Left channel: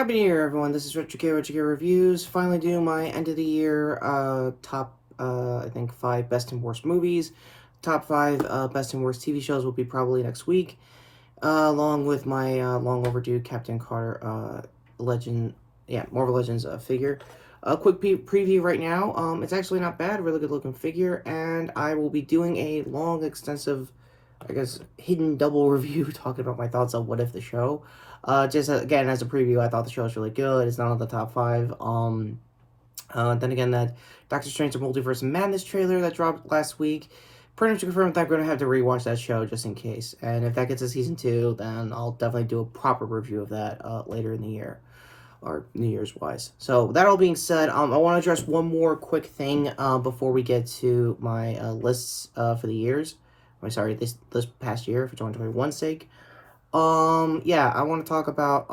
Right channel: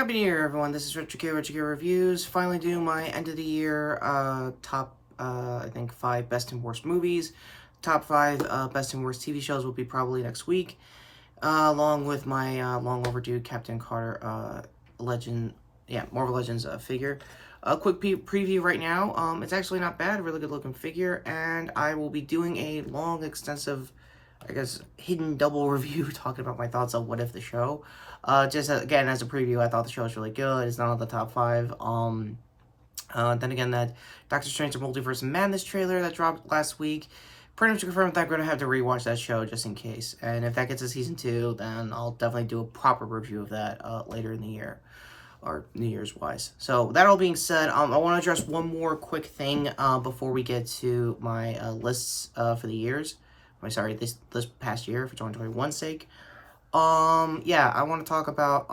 Happy New Year, everyone. This is Retrokid Reviews. Finally doing my end of the year top, I think, 5 best and worst movies. Top 5 best and worst TV shows will be probably next week, along with my long overdue Captain Carter Marvel Legends figure. A quick preview right now. It's actually not bad, really good looking figure, and I will be doing a long, extensive, I guess, hidden double review talking about my thoughts on What If the show. Again, as a preview, I thought the show was really good. It's not on the top 5. Then again, that Doctor Strange: The Multiverse of Madness trailer that dropped last week pretty much confirmed that I'm going to have to rewatch that show just in case. And if that gets to season 2, then I'll definitely do a proper review of that later in the year, or New Year's wise. So that all being said, I want to address one more quick thing before we get to my lists for the years. This past year for 2021's sake. I want to talk about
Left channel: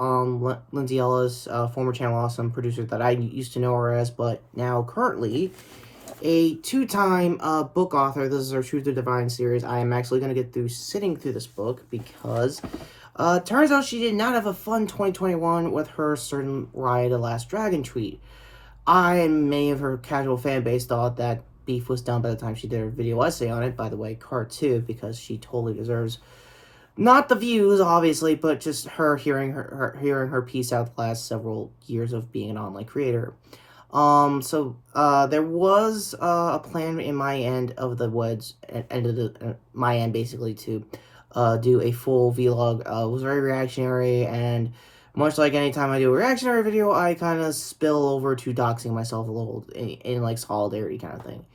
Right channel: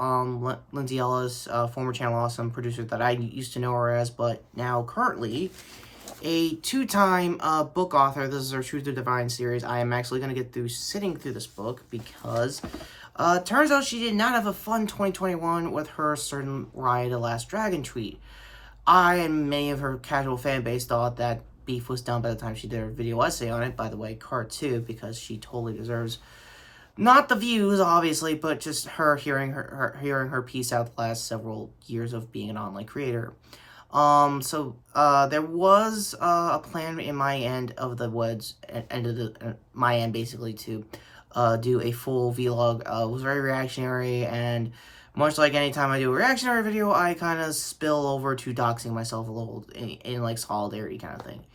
Lindsay Ellis, former Channel Awesome producer that I used to know her as, but now currently a 2-time book author. This is her Truth or Divine series. I am actually going to get through sitting through this book because turns out she did not have a fun 2021 with her certain Raya the Last Dragon tweet. I and many of her casual fan base thought that beef was done by the time she did her video essay on it. By the way, card 2, because she totally deserves not the views, obviously, but just her hearing her piece out the last several years of being an online creator. There was a plan in my end of the woods, my end basically, to do a full vlog. It was very reactionary, and much like any time I do a reactionary video, I kind of spill over to doxing myself a little in like solidarity kind of thing.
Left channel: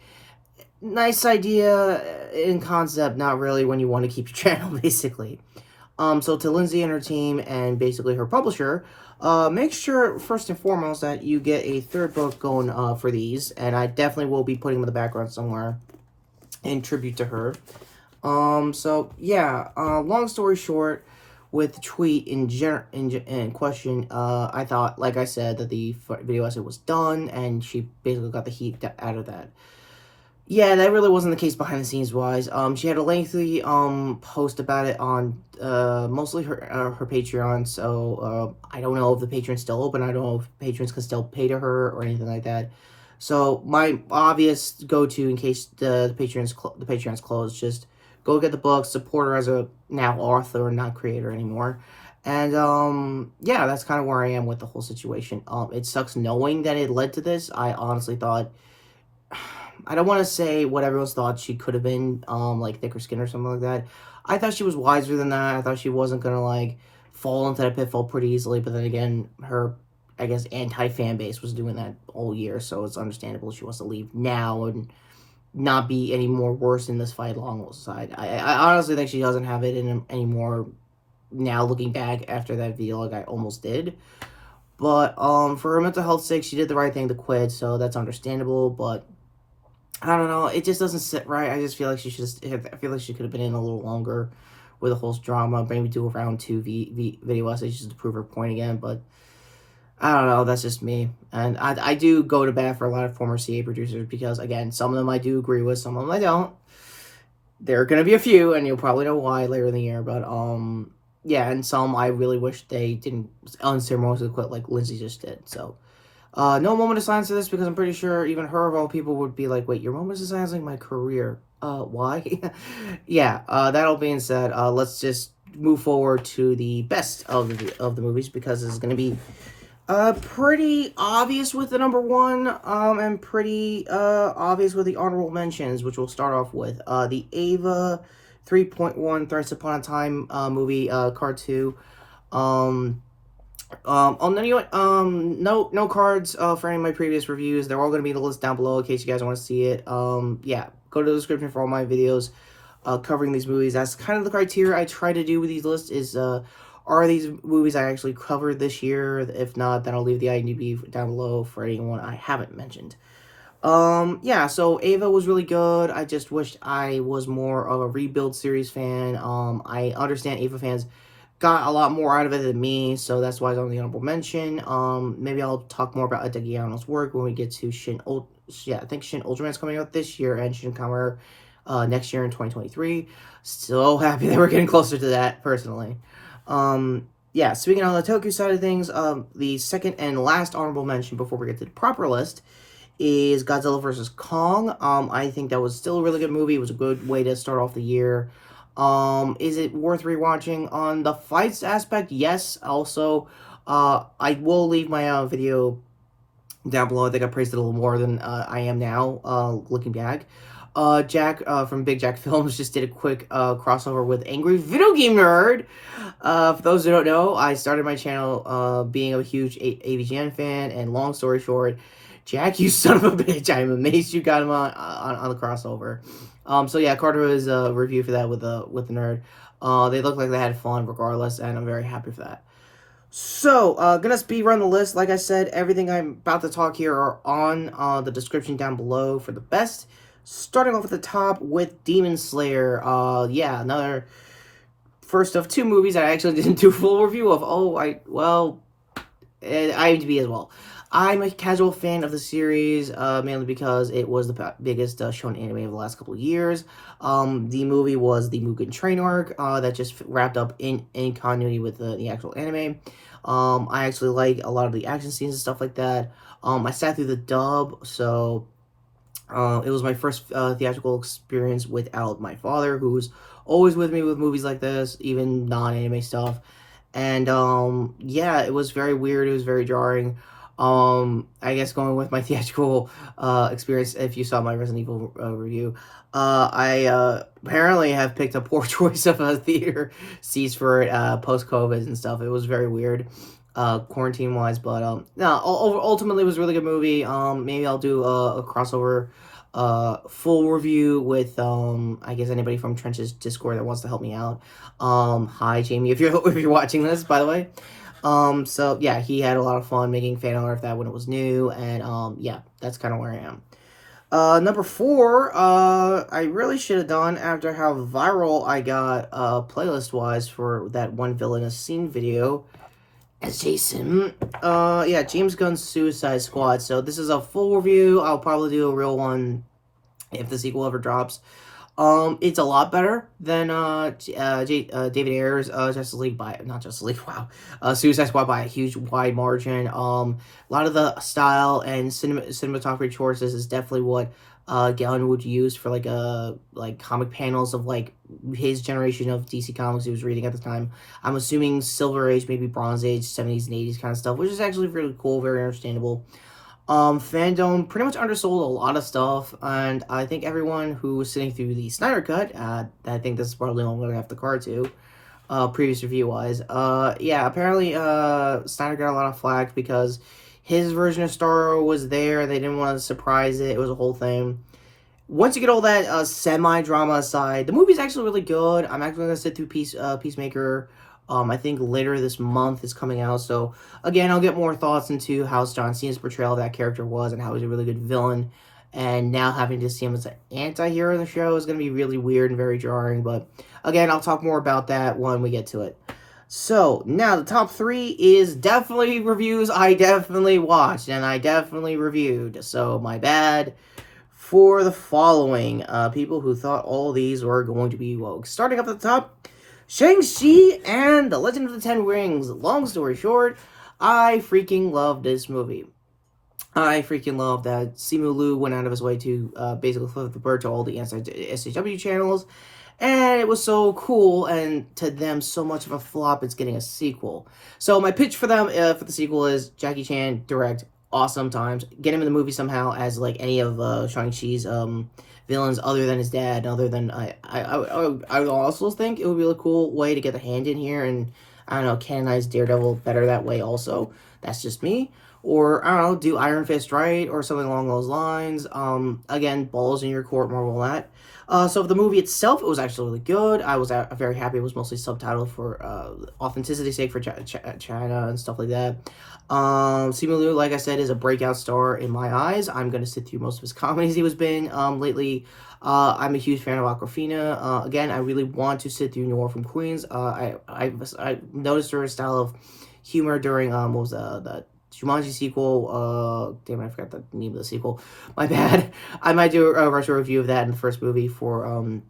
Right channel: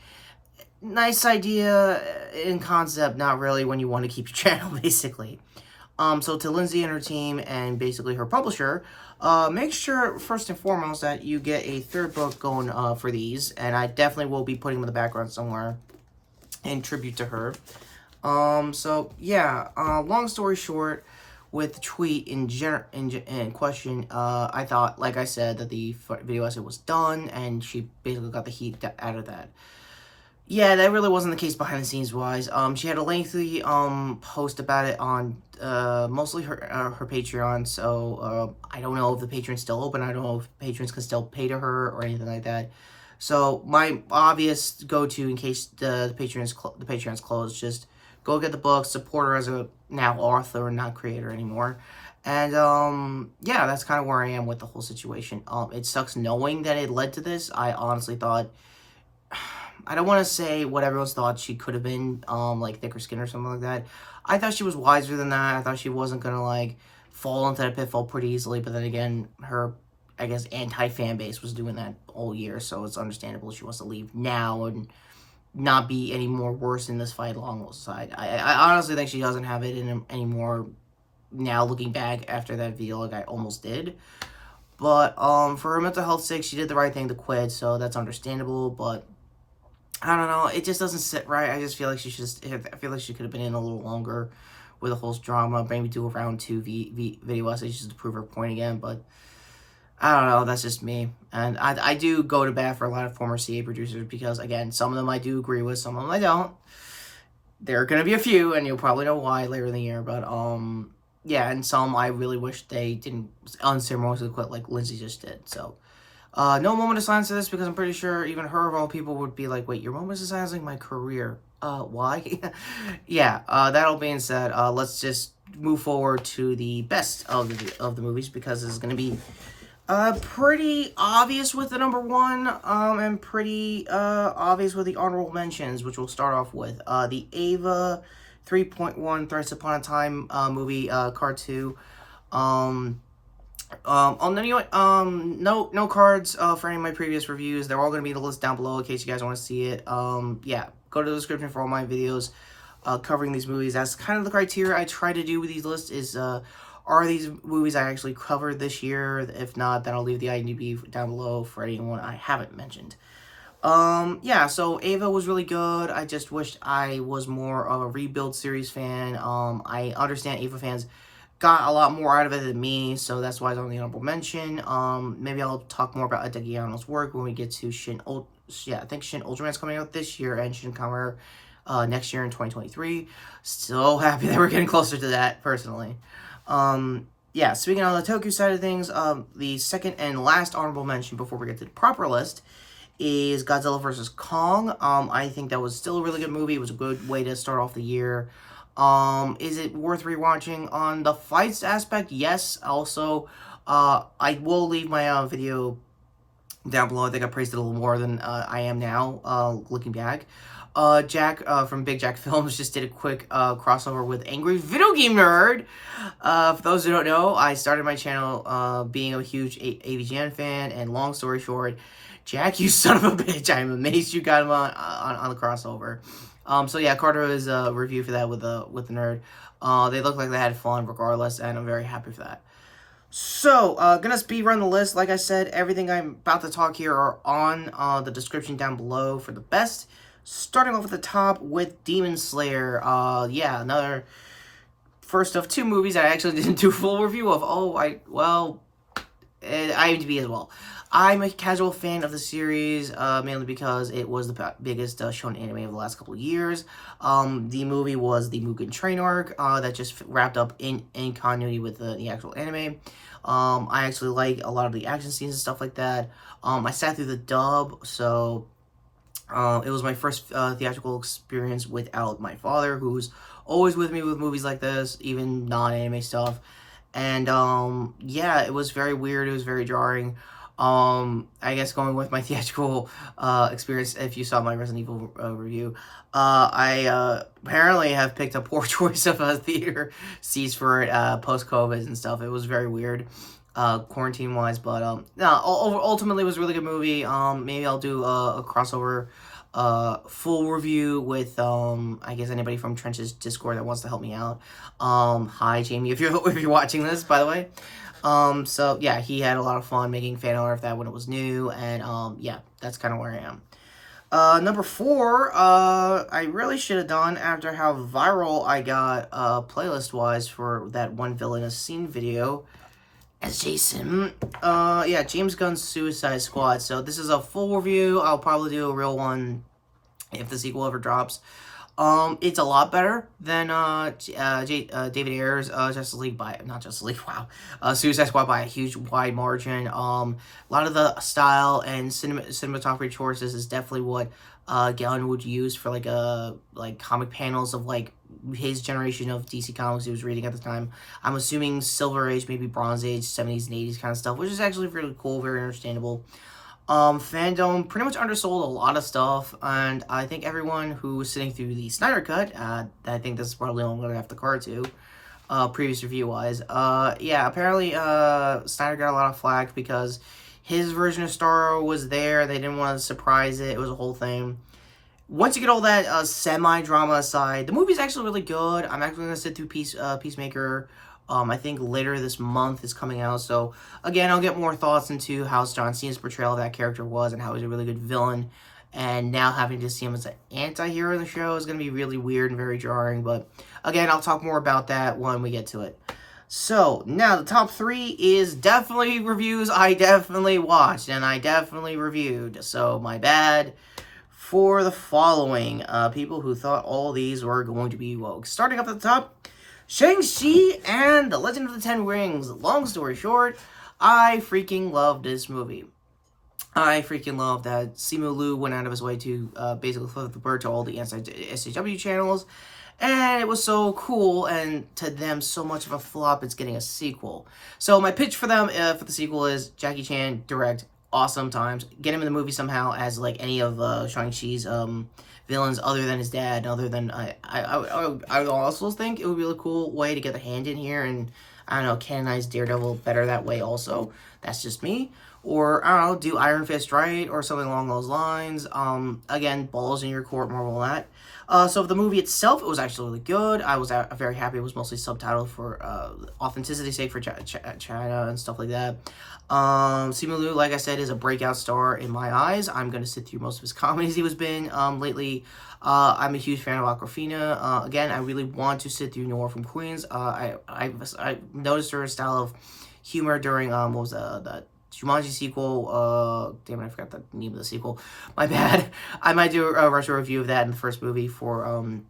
Nice idea in concept, not really when you want to keep your channel, basically. So to Lindsay and her team, and basically her publisher, make sure, first and foremost, that you get a 3rd book going for these, and I definitely will be putting them in the background somewhere in tribute to her. Long story short, with the tweet in question, I thought, like I said, that the video essay was done, and she basically got the heat out of that. Yeah, that really wasn't the case behind the scenes wise. She had a lengthy post about it on mostly her Patreon. So I don't know if the Patreon's still open. I don't know if patrons can still pay to her or anything like that. So my obvious go-to in case the Patreon's closed, just go get the book, support her as a now author, not creator anymore. And that's kind of where I am with the whole situation. It sucks knowing that it led to this. I honestly thought, I don't want to say what everyone's thought she could have been, like thicker skin or something like that. I thought she was wiser than that. I thought she wasn't going to, like, fall into that pitfall pretty easily. But then again, her, I guess, anti-fan base was doing that all year. So it's understandable she wants to leave now and not be any more worse in this fight alongside. I honestly think she doesn't have it in anymore now, looking back after that vlog I almost did. But for her mental health's sake, she did the right thing to quit. So that's understandable. But I don't know. It just doesn't sit right. I just feel like she could have been in a little longer with the whole drama. Maybe do a round 2 video essays just to prove her point again. But I don't know. That's just me. And I do go to bat for a lot of former CA producers because, again, some of them I do agree with. Some of them I don't. There are going to be a few, and you'll probably know why later in the year. But, and some I really wish they didn't unceremoniously quit like Lindsay just did. So no moment of silence to this, because I'm pretty sure even her of all people would be like, wait, your moment of silence like my career. Why? That all being said, let's just move forward to the best of the movies, because this is going to be pretty obvious with the number 1, and pretty obvious with the honorable mentions, which we'll start off with. The Ava 3.1 Thrice Upon a Time movie, card 2. No cards for any of my previous reviews. They're all going to be in the list down below in case you guys want to see it. Go to the description for all my videos covering these movies. That's kind of the criteria I try to do with these lists is, are these movies I actually covered this year? If not, then I'll leave the IMDb down below for anyone I haven't mentioned. So Ava was really good. I just wished I was more of a Rebuild series fan. I understand Ava fans got a lot more out of it than me, so that's why it's on the honorable mention. Maybe I'll talk more about Adegiano's work when we get to I think Shin Ultraman's coming out this year, and Shin Kamen next year in 2023. So happy that we're getting closer to that, personally. yeah, speaking on the Tokyo side of things, the second and last honorable mention before we get to the proper list is Godzilla vs. Kong. I think that was still a really good movie. It was a good way to start off the year. Is it worth rewatching on the fights aspect? Yes. Also, I will leave my video down below. I think I praised it a little more than I am now, looking back. Jack from Big Jack Films just did a quick crossover with Angry Video Game Nerd. For those who don't know, I started my channel being a huge AVGN fan, and long story short, Jack, you son of a bitch, I'm amazed you got him on the crossover. So yeah, Carter is a review for that with the nerd. They look like they had fun regardless, and I'm very happy for that. So, gonna speed run the list. Like I said, everything I'm about to talk here are on the description down below for the best. Starting off at the top with Demon Slayer. Yeah, another first of two movies I actually didn't do a full review of. IMDb as well. I'm a casual fan of the series, mainly because it was the biggest shown anime of the last couple of years. The movie was the Mugen Train arc that just wrapped up in continuity with the actual anime. I actually like a lot of the action scenes and stuff like that. I sat through the dub, so it was my first theatrical experience without my father, who's always with me with movies like this, even non-anime stuff. And yeah, it was very weird. It was very jarring. I guess going with my theatrical experience, if you saw my Resident Evil review, I apparently have picked a poor choice of a theater seats for it post-COVID and stuff. It was very weird, quarantine-wise, but no, ultimately it was a really good movie. Maybe I'll do a crossover full review with I guess anybody from Trench's Discord that wants to help me out. Hi Jamie, if you're watching this, by the way. So yeah, he had a lot of fun making fan art of that when it was new, and yeah, that's kind of where I am. Number 4, I really should have done after how viral I got playlist-wise for that one villainous scene video as Jason. Yeah, James Gunn's Suicide Squad. So this is a full review. I'll probably do a real one if the sequel ever drops. It's a lot better than David Ayer's Justice League not Justice League, wow. Suicide Squad by a huge wide margin. A lot of the style and cinematography choices is definitely what Gunn would use for like comic panels of like his generation of DC comics he was reading at the time. I'm assuming Silver Age, maybe Bronze Age, 70s and 80s kind of stuff, which is actually really cool, very understandable. Fandom pretty much undersold a lot of stuff, and I think everyone who was sitting through the Snyder Cut, I think this is probably all I'm gonna have to card to, previous review-wise, yeah, apparently, Snyder got a lot of flack because his version of Starro was there, they didn't want to surprise it was a whole thing. Once you get all that, semi-drama aside, the movie's actually really good. I'm actually gonna sit through Peacemaker. I think later this month is coming out, so again, I'll get more thoughts into how John Cena's portrayal of that character was and how he's a really good villain, and now having to see him as an anti-hero in the show is going to be really weird and very jarring, but again, I'll talk more about that when we get to it. So, now the top 3 is definitely reviews I definitely watched, and I definitely reviewed, so my bad for the following, people who thought all these were going to be woke. Starting up at the top, Shang-Chi and the Legend of the Ten Rings. Long story short, I freaking love this movie. I freaking love that Simu Liu went out of his way to basically flip the bird to all the SJW channels. And it was so cool, and to them, so much of a flop, it's getting a sequel. So my pitch for them, for the sequel is Jackie Chan, direct, awesome times. Get him in the movie somehow as, like, any of Shang-Chi's, villains other than his dad, other than I also think it would be a cool way to get the hand in here and, I don't know, canonize Daredevil better that way also. That's just me. Or, I don't know, do Iron Fist right or something along those lines. Again, balls in your court, Marvel that. So for the movie itself, it was actually really good. I was very happy. It was mostly subtitled for authenticity's sake for China and stuff like that. Simu Liu, like I said, is a breakout star in my eyes. I'm going to sit through most of his comedies he was in lately. I'm a huge fan of Awkwafina. Again, I really want to sit through Noir from Queens. I noticed her style of humor during, what was the Jumanji sequel. Damn it, I forgot the name of the sequel. My bad. I might do a retro review of that in the first movie for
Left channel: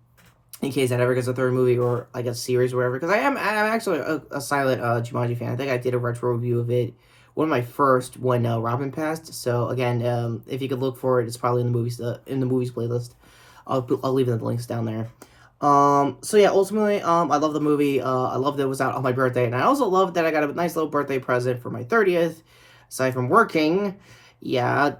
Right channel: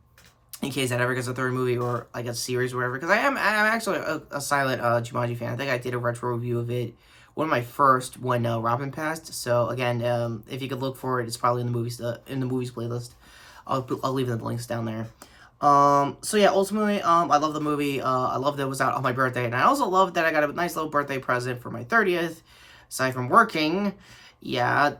in case that ever gets a third movie or like a series or whatever. Because I'm actually a silent Jumanji fan. I think I did a retro review of it, one of my first when Robin passed. So again, if you could look for it, it's probably in the movies playlist. I'll leave the links down there. So yeah, ultimately, I love the movie. I love that it was out on my birthday, and I also love that I got a nice little birthday present for my 30th. Aside from working, yeah,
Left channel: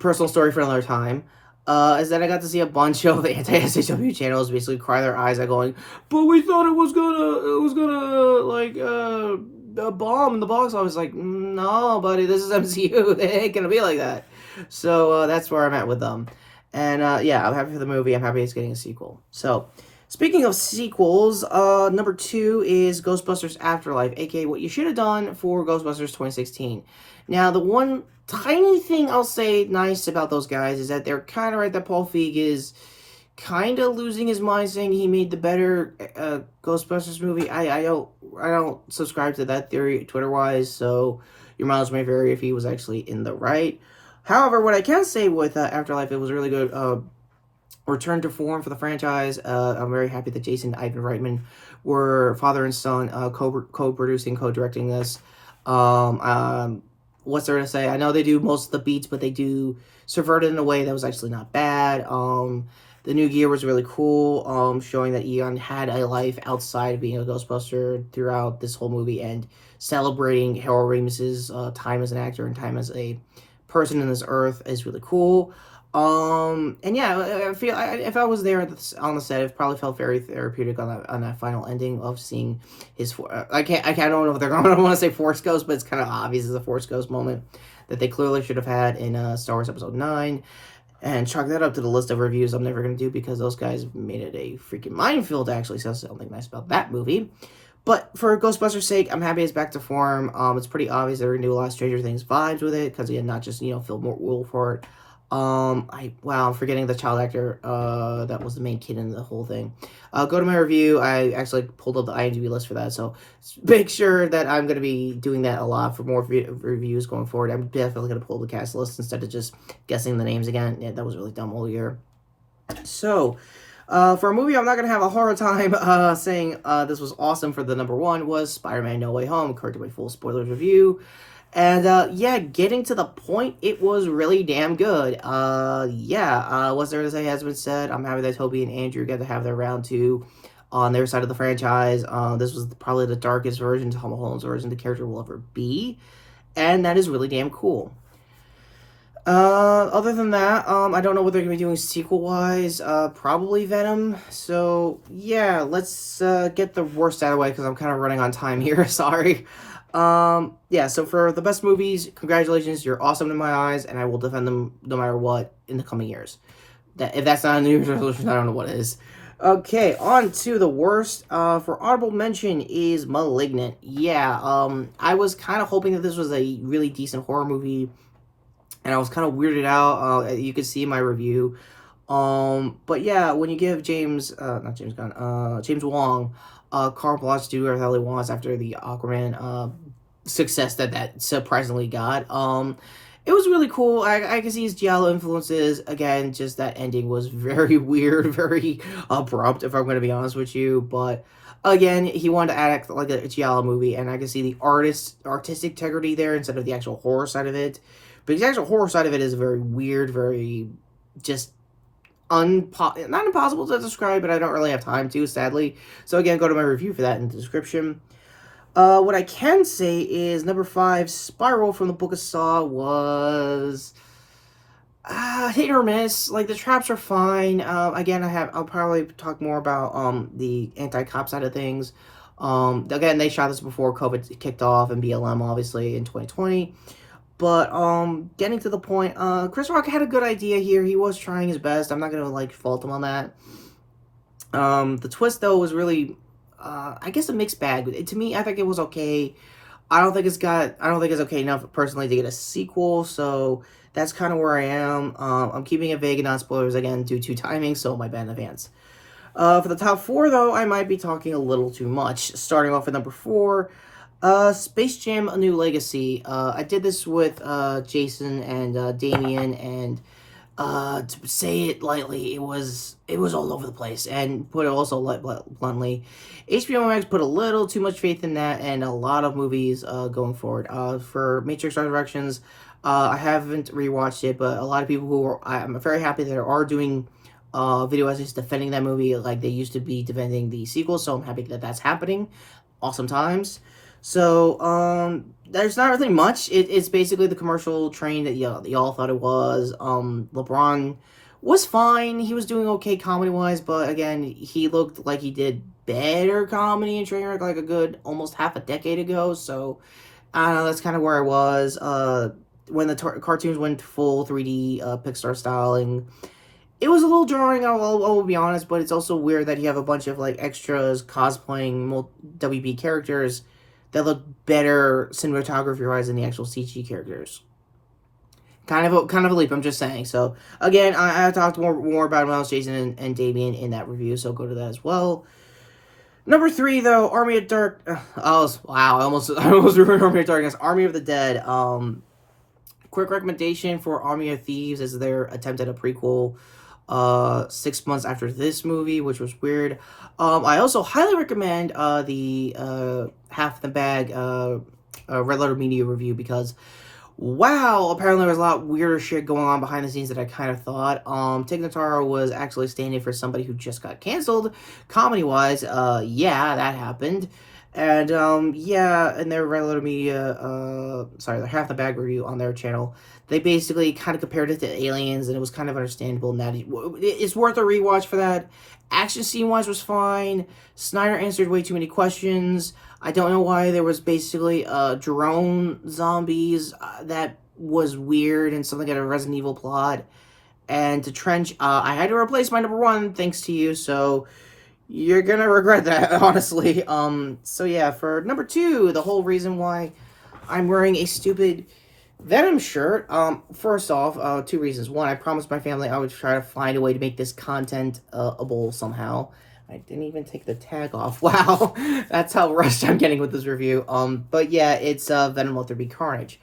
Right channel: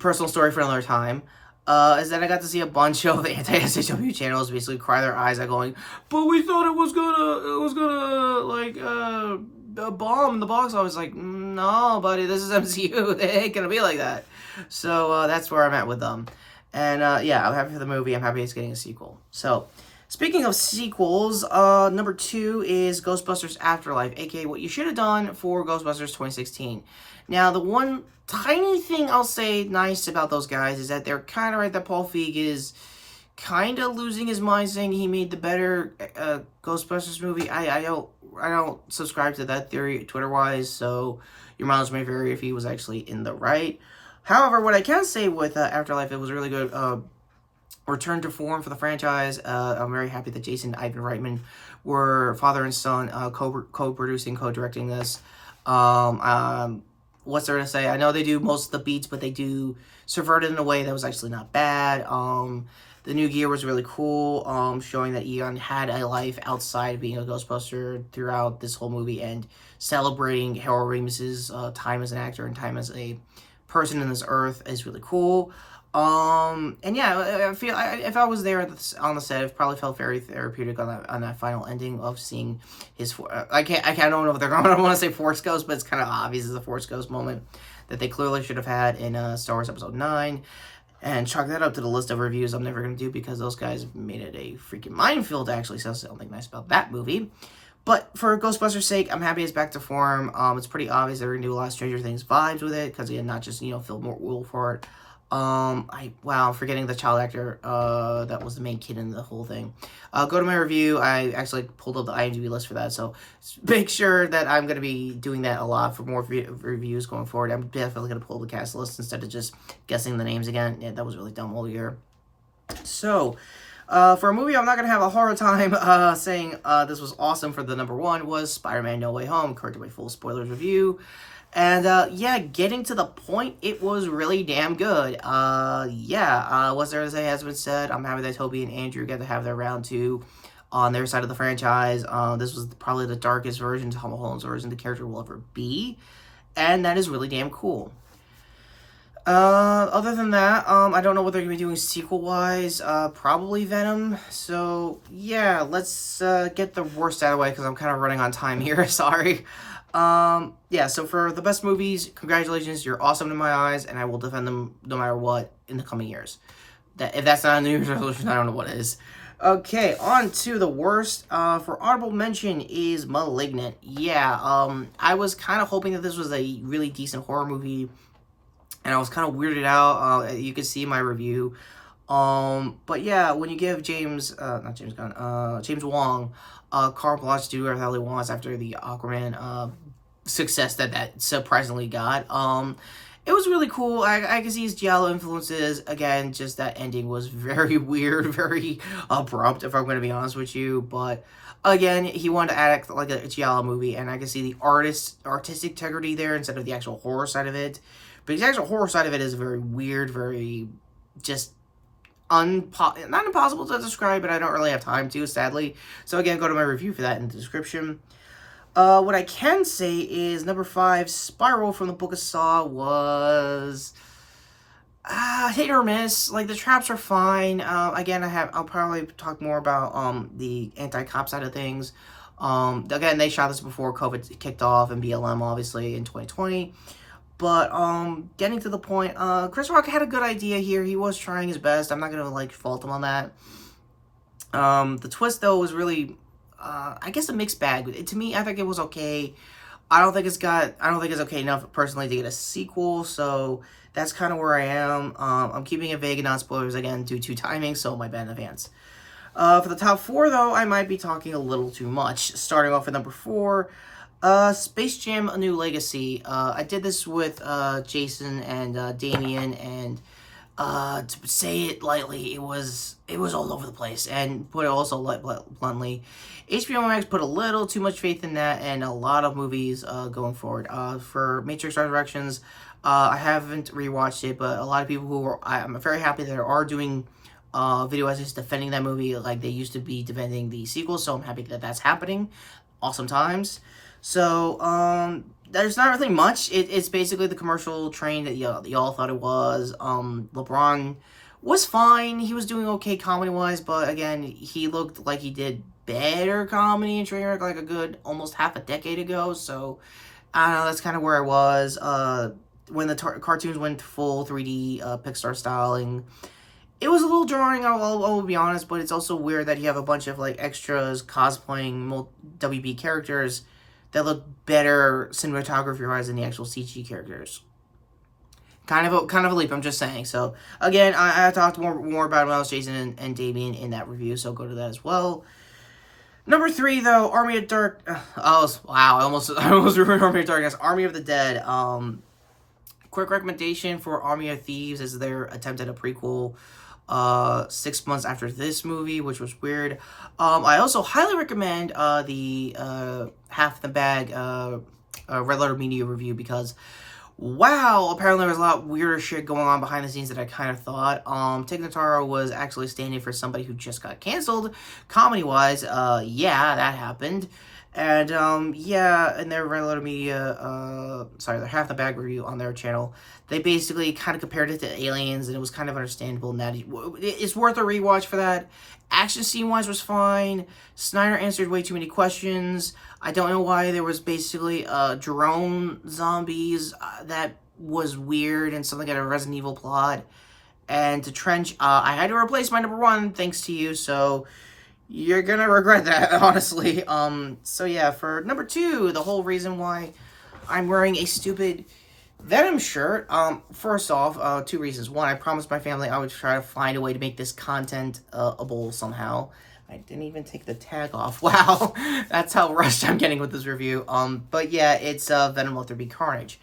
personal story for another time. Is that I got to see a bunch of anti-SJW channels basically cry their eyes out going, but we thought it was gonna, like, a bomb in the box. I was like, no, buddy, this is MCU. It ain't gonna be like that. So, that's where I'm at with them. And, yeah, I'm happy for the movie. I'm happy it's getting a sequel. So, speaking of sequels, number 2 is Ghostbusters Afterlife, aka what you should have done for Ghostbusters 2016. Now, the one tiny thing I'll say nice about those guys is that they're kind of right that Paul Feig is kind of losing his mind, saying he made the better Ghostbusters movie. I don't subscribe to that theory Twitter-wise, so your mileage may vary if he was actually in the right. However, what I can say with Afterlife, it was really good. Return to form for the franchise. I'm very happy that Jason and Ivan Reitman were father and son co-producing, co-directing this. What's there to say? I know they do most of the beats, but they do subvert it in a way that was actually not bad. The new gear was really cool, showing that Eon had a life outside of being a Ghostbuster throughout this whole movie and celebrating Harold Ramis's time as an actor and time as a person in this earth is really cool. And yeah, I feel if I was there on the set, it probably felt very therapeutic on that final ending of seeing his. I don't know if they're going to want to say Force Ghost, but it's kind of obvious as a Force Ghost moment that they clearly should have had in Star Wars Episode 9. And chalk that up to the list of reviews I'm never going to do because those guys made it a freaking minefield to actually say something nice about that movie. But for Ghostbusters' sake, I'm happy it's back to form. It's pretty obvious they're going to do a lot of Stranger Things vibes with it because, again, not just, Phil Wolfhard. I'm forgetting the child actor, that was the main kid in the whole thing. Go to my review. I actually pulled up the IMDb list for that, so make sure that I'm going to be doing that a lot for more reviews going forward. I'm definitely going to pull the cast list instead of just guessing the names again. Yeah, that was really dumb all year. So, for a movie I'm not going to have a hard time, saying, this was awesome for the number 1 was Spider-Man No Way Home, according to my full spoilers review. And, yeah, getting to the point, it was really damn good. What's there to say has been said. I'm happy that Toby and Andrew get to have their round 2 on their side of the franchise. This was probably the darkest version, Tom Holland's version, the character will ever be. And that is really damn cool. Other than that, I don't know what they're going to be doing sequel-wise. Probably Venom. So, yeah, let's, get the worst out of the way, because I'm kind of running on time here. Sorry. Yeah, so for the best movies, congratulations, you're awesome in my eyes, and I will defend them no matter what in the coming years. If that's not a New Year's resolution, I don't know what is. Okay, on to the worst. For honorable mention is Malignant. Yeah, I was kind of hoping that this was a really decent horror movie, and I was kind of weirded out. You could see in my review. But yeah, when you give James Wong, carte blanche to do whatever the hell he wants after the Aquaman, success that surprisingly got, it was really cool. I can see his giallo influences. Again, just that ending was very weird, very abrupt, if I'm going to be honest with you. But again, he wanted to act like a giallo movie, and I can see the artistic integrity there instead of the actual horror side of it. But the actual horror side of it is very weird, very just not impossible to describe, but I don't really have time to, sadly. So again, go to my review for that in the description. What I can say is number 5, Spiral from the Book of Saw was hit or miss. Like, the traps are fine. Again, I'll probably talk more about the anti-cop side of things. Again, they shot this before COVID kicked off and BLM, obviously, in 2020. But, getting to the point, Chris Rock had a good idea here. He was trying his best. I'm not gonna, fault him on that. The twist, though, was really, I guess a mixed bag. To me, I think it was okay. I don't think it's okay enough, personally, to get a sequel, so that's kind of where I am. I'm keeping it vague and non-spoilers, again, due to timing, so my bad in advance. For the top 4, though, I might be talking a little too much. Starting off at number 4, Space Jam: A New Legacy. I did this with Jason and Damien, and To say it lightly, it was all over the place. And put it also bluntly, HBO Max put a little too much faith in that, and a lot of movies going forward. For Matrix Resurrections, I haven't rewatched it, but a lot of people I'm very happy that are doing video essays defending that movie like they used to be defending the sequel. So I'm happy that that's happening. Awesome times. So, there's not really much. It's basically the commercial train that y'all thought it was. LeBron was fine. He was doing okay comedy-wise, but again, he looked like he did better comedy in Trainwreck like a good almost half a decade ago. So, I don't know, that's kind of where I was. When the cartoons went full 3D Pixar styling, it was a little jarring, I'll be honest, but it's also weird that you have a bunch of like extras cosplaying WB characters that look better cinematography-wise than the actual CG characters. Kind of a leap, I'm just saying. So again, I talked more about it when I was Jason and Damien in that review, so go to that as well. Number 3 though, Army of Dark. Wow, I almost ruined Army of Darkness. Army of the Dead. Quick recommendation for Army of Thieves is their attempt at a prequel 6 months after this movie, which was weird. I also highly recommend the Half the Bag Red Letter Media review because, wow, apparently there was a lot weirder shit going on behind the scenes that I kind of thought. Tig Notaro was actually standing for somebody who just got canceled, comedy-wise. Yeah, that happened. And, yeah, in their Red Letter Media, their Half the Bag review on their channel, they basically kind of compared it to Aliens, and it was kind of understandable. And that it's worth a rewatch for that. Action scene-wise was fine. Snyder answered way too many questions. I don't know why there was basically drone zombies. That was weird and something like a Resident Evil plot. And to Trench, I had to replace my number 1 thanks to you, so you're gonna regret that, honestly. So yeah, for number 2, the whole reason why I'm wearing a stupid Venom shirt, first off, 2 reasons. 1, I promised my family I would try to find a way to make this content-able somehow. I didn't even take the tag off. Wow, that's how rushed I'm getting with this review. But yeah, it's Venom Let There Be Carnage.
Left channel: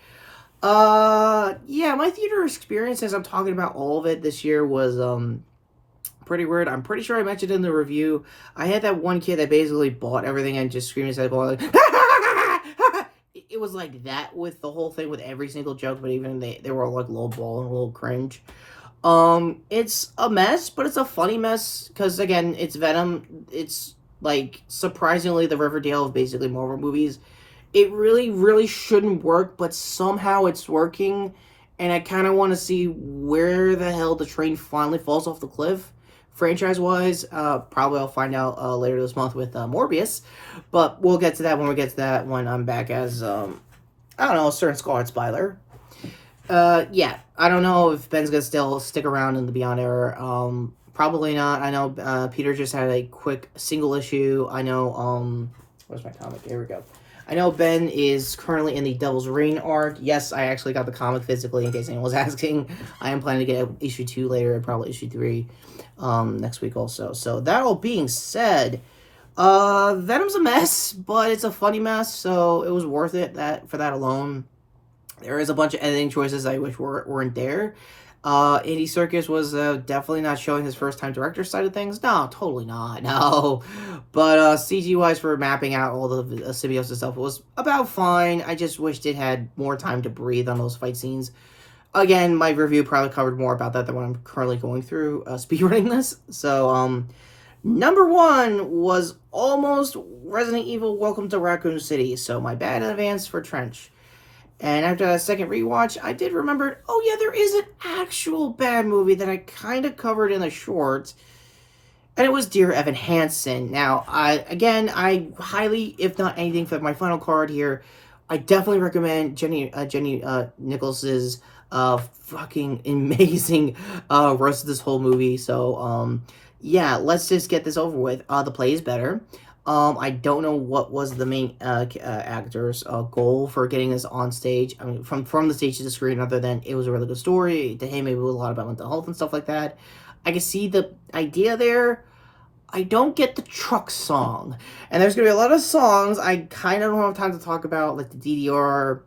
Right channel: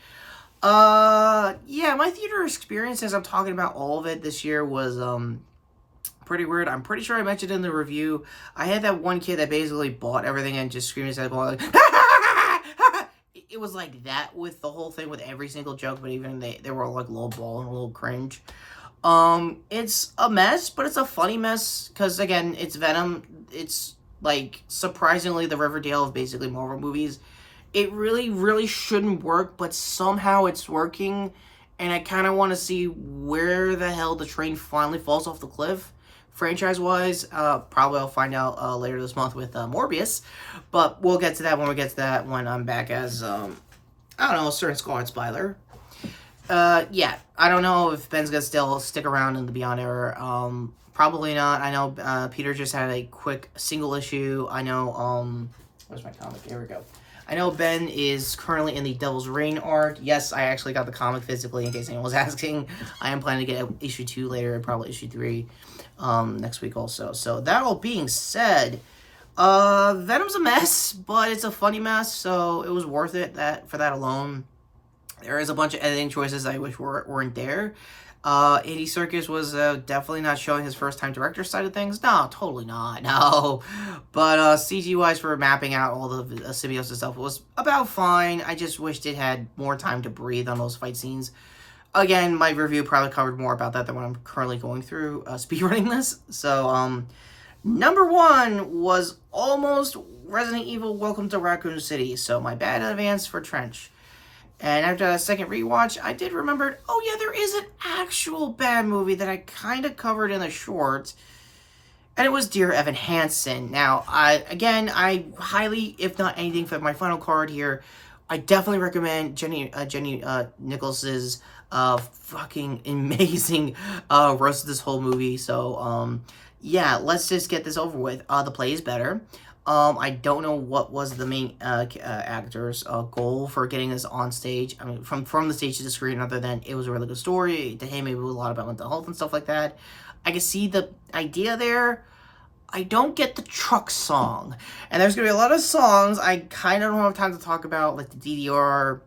Yeah, my theater experience, as I'm talking about all of it this year, was pretty weird. I'm pretty sure I mentioned in the review, I had that one kid that basically bought everything and just screamed and going like, it was like that with the whole thing with every single joke, but even they were like low ball and a little cringe. It's a mess, but it's a funny mess because again, it's Venom. It's like surprisingly the Riverdale of basically Marvel movies. It really, really shouldn't work, but somehow it's working, and I kind of want to see where the hell the train finally falls off the cliff. Franchise-wise, probably I'll find out later this month with Morbius, but we'll get to that when we get to that when I'm back as, I don't know, a certain Scarlet Spider. Yeah, I don't know if Ben's gonna still stick around in the Beyond era. Probably not. I know Peter just had a quick single issue. I know, where's my comic? Here we go. I know Ben is currently in the Devil's Reign arc. Yes, I actually got the comic physically, in case anyone was asking. I am planning to get issue 2 later, and probably issue 3 next week also. So that all being said, Venom's a mess, but it's a funny mess, so it was worth it for that alone. There is a bunch of editing choices I wish weren't there. Andy Serkis was definitely not showing his first-time director side of things. No, totally not. No. But CG-wise for mapping out all the symbiosis stuff was about fine. I just wished it had more time to breathe on those fight scenes. Again, my review probably covered more about that than what I'm currently going through speedrunning this. So, number 1 was almost Resident Evil Welcome to Raccoon City. So, my bad in advance for Trench. And after that second rewatch, I did remember, oh yeah, there is an actual bad movie that I kind of covered in the short. And it was Dear Evan Hansen. Now, I highly, if not anything, for my final card here, I definitely recommend Jenny Nichols's fucking amazing roast of this whole movie. So, yeah, let's just get this over with. The play is better. I don't know what was the main actor's goal for getting this on stage. I mean, from the stage to the screen, other than it was a really good story. To him, it was a lot about mental health and stuff like that. I can see the idea there. I don't get the truck song. And there's going to be a lot of songs I kind of don't have time to talk about, like the DDR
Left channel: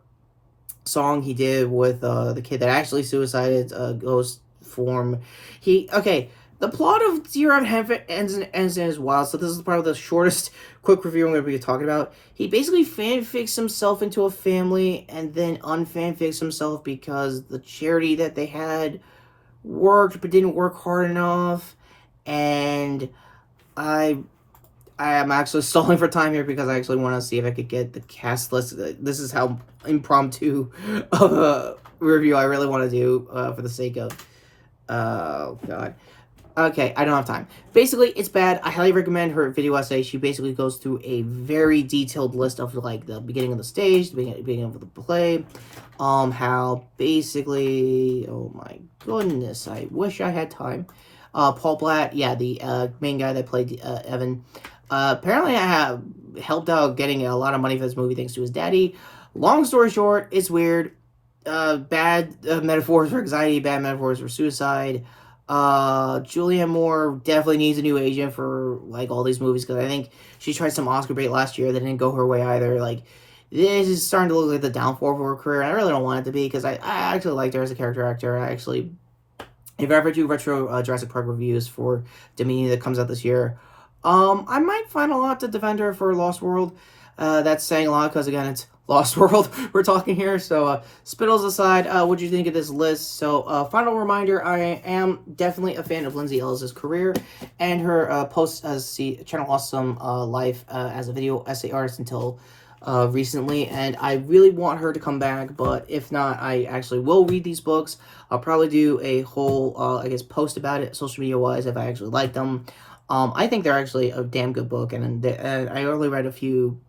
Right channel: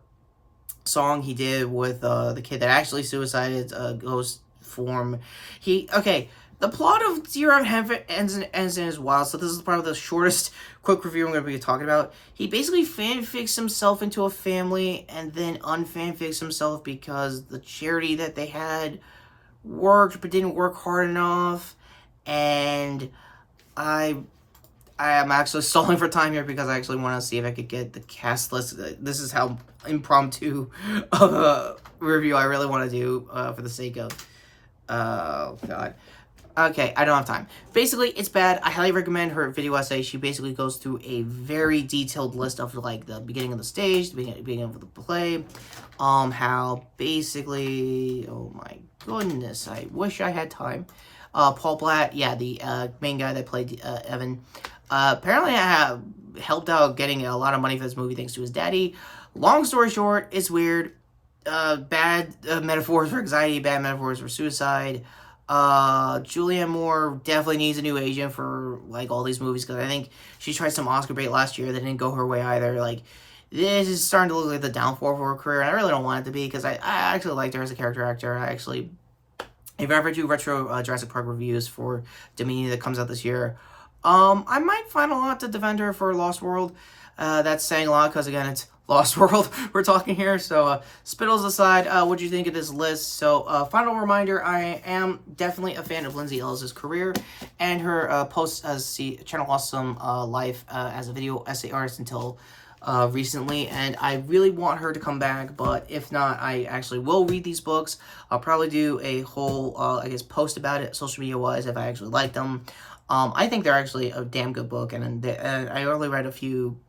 song he did with the kid that actually suicided, Ghost form. Okay, the plot of Dear Evan Hansen ends in as wild, so this is probably the shortest quick review I'm going to be talking about. He basically fanfics himself into a family and then unfanfics himself because the charity that they had worked but didn't work hard enough, and I am actually stalling for time here because I actually want to see if I could get the cast list. This is how impromptu of a review I really want to do for the sake of... Oh, God. Okay, I don't have time. Basically, it's bad. I highly recommend her video essay. She basically goes through a very detailed list of, like, the beginning of the stage, the beginning of the play, how basically... Oh, my goodness. I wish I had time. Paul Blatt, yeah, the main guy that played Evan... apparently I have helped out getting a lot of money for this movie thanks to his daddy. Long story short, it's weird. Bad metaphors for anxiety, bad metaphors for suicide. Julianne Moore definitely needs a new agent for, like, all these movies, because I think she tried some Oscar bait last year that didn't go her way either. Like, this is starting to look like the downfall of her career, and I really don't want it to be, because I actually liked her as a character actor. If I ever do retro Jurassic Park reviews for Dominion that comes out this year, I might find a lot to defend her for Lost World. That's saying a lot because, again, it's Lost World we're talking here. So, spittles aside, what do you think of this list? So, final reminder, I am definitely a fan of Lindsay Ellis' career and her posts as the Channel Awesome life as a video essay artist until recently. And I really want her to come back, but if not, I actually will read these books. I'll probably do a whole, I guess, post about it, social media-wise, if I actually like them. I think they're actually a damn good book, and I only read a few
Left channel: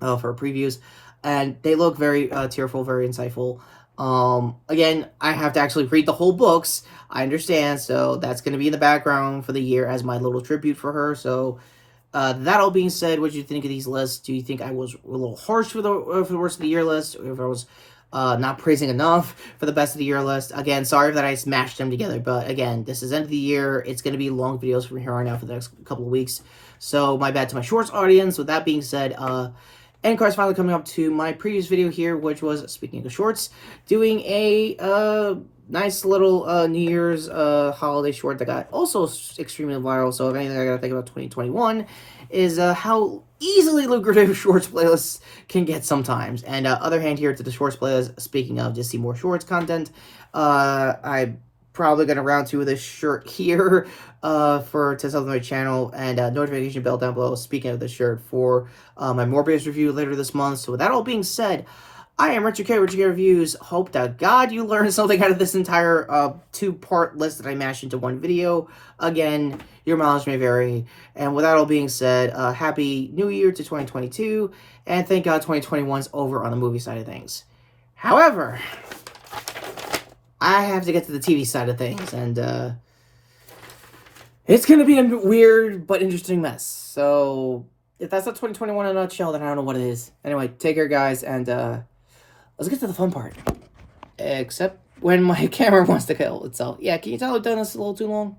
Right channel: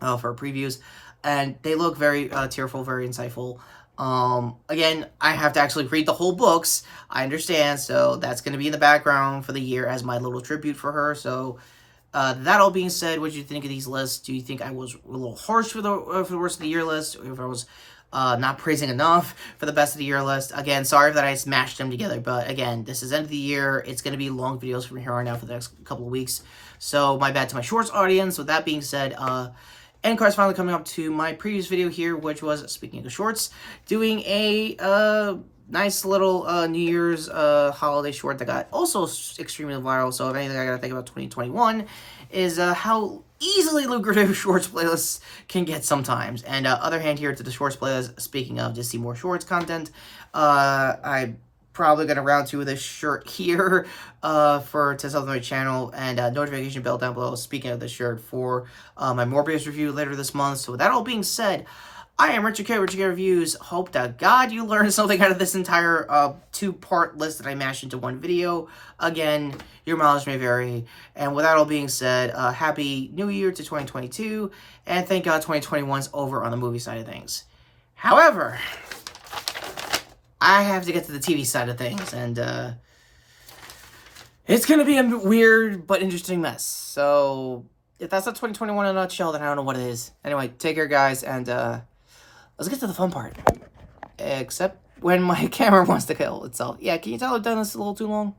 for previews, and they look very tearful, very insightful. Again, I have to actually read the whole books, I understand, so that's going to be in the background for the year as my little tribute for her. So, that all being said, what do you think of these lists? Do you think I was a little harsh for the worst of the year list, or if I was not praising enough for the best of the year list? Again, sorry that I smashed them together, but again, this is end of the year. It's going to be long videos from here on out for the next couple of weeks, so my bad to my shorts audience. With that being said, end cards finally coming up to my previous video here, which was, speaking of shorts, doing a nice little New Year's holiday short that got also extremely viral. So if anything I gotta think about 2021 is how easily lucrative shorts playlists can get sometimes. And other hand here to the shorts playlist, speaking of just see more shorts content, I'm probably gonna round two with this shirt here to sub to my channel, and notification bell down below, speaking of the shirt, for my Morbius review later this month. So with that all being said, I am Retrokid, Retrokid Reviews. Hope to God you learned something out of this entire two-part list that I mashed into one video. Again, your mileage may vary. And with that all being said, Happy New Year to 2022. And thank God 2021's over on the movie side of things. However, I have to get to the TV side of things. And it's going to be a weird but interesting mess. So if that's not 2021 in a nutshell, then I don't know what it is. Anyway, take care, guys. And let's get to the fun part. Except when my camera wants to kill itself. Yeah, can you tell I've done this a little too long?